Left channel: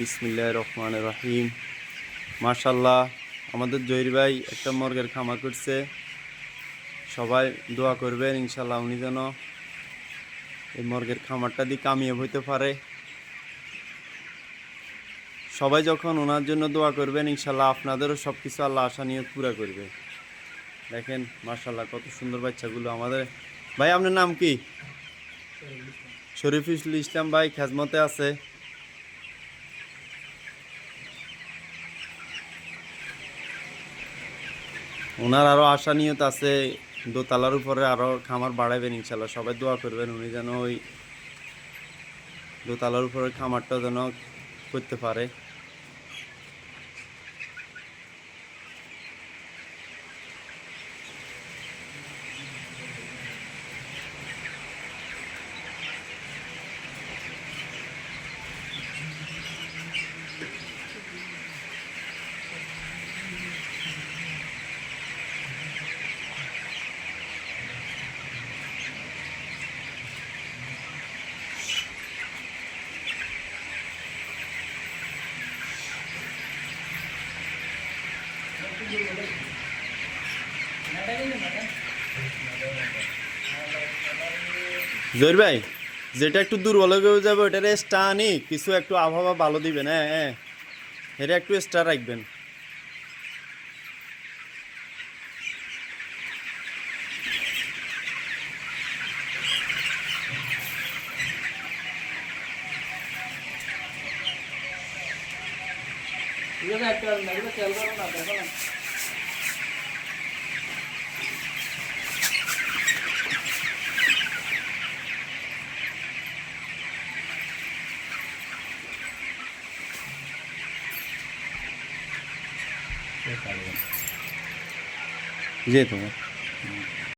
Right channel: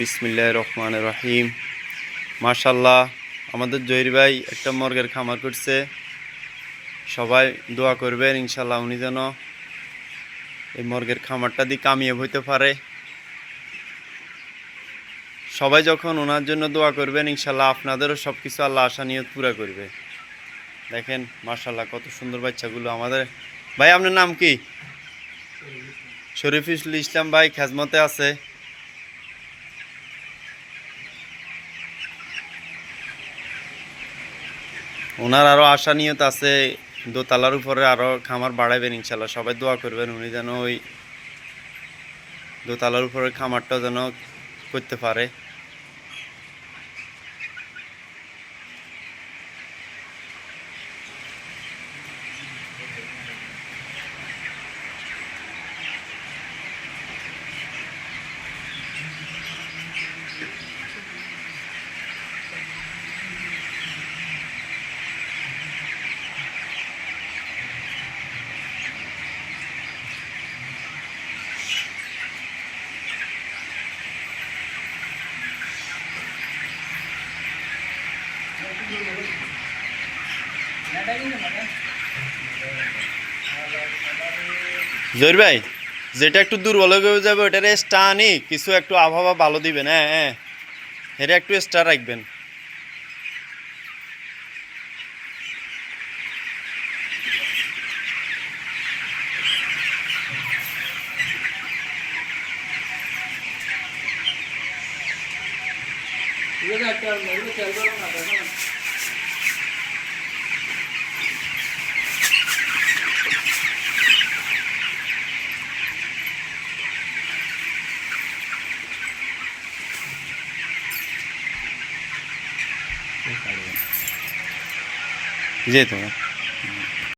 বিসমিল্লাহির রহমানির রহিম। মাশাআল্লাহ, আমাদের জহির ভাই একটা মুরগির খামার করছে। সবাই দোয়া করবেন ইনশাআল্লাহ উনি যেন এই মুরগির খামারটা দিয়ে কামিয়াব হইতে পারে। সবাই যখন ওনার জন্য দোয়া করবেন ইনশাআল্লাহ আপনাদেরও সব কিছু আল্লাহ আশা নিয়ত পুরা করবে। দেখেন মাশাআল্লাহ কত সুন্দর বাচ্চাগুলো আমাদের। ভাই আপনার নাম কি? শরীফুল ইসলাম ভাই খেজমতে আছে। ওনার আরো আশা নিয়ত আছে, দোতলার উপরে আরো খামার বাড়াবেন ইনশাল্লাহ। সবাই দোয়া করবেন উনি যেন ওই দোতলার উপরে খামারটা যেন করতে পারে। জহির ভাই, যেটা একটু দুর্বল হয়ে যাবে ওটার এক্সট্রা আনি কিছু একটু আবহাওয়া ভালো দিবেন। হ্যাঁ হ্যাঁ, এটা একটু এক্সট্রা রাখবেন। যেতে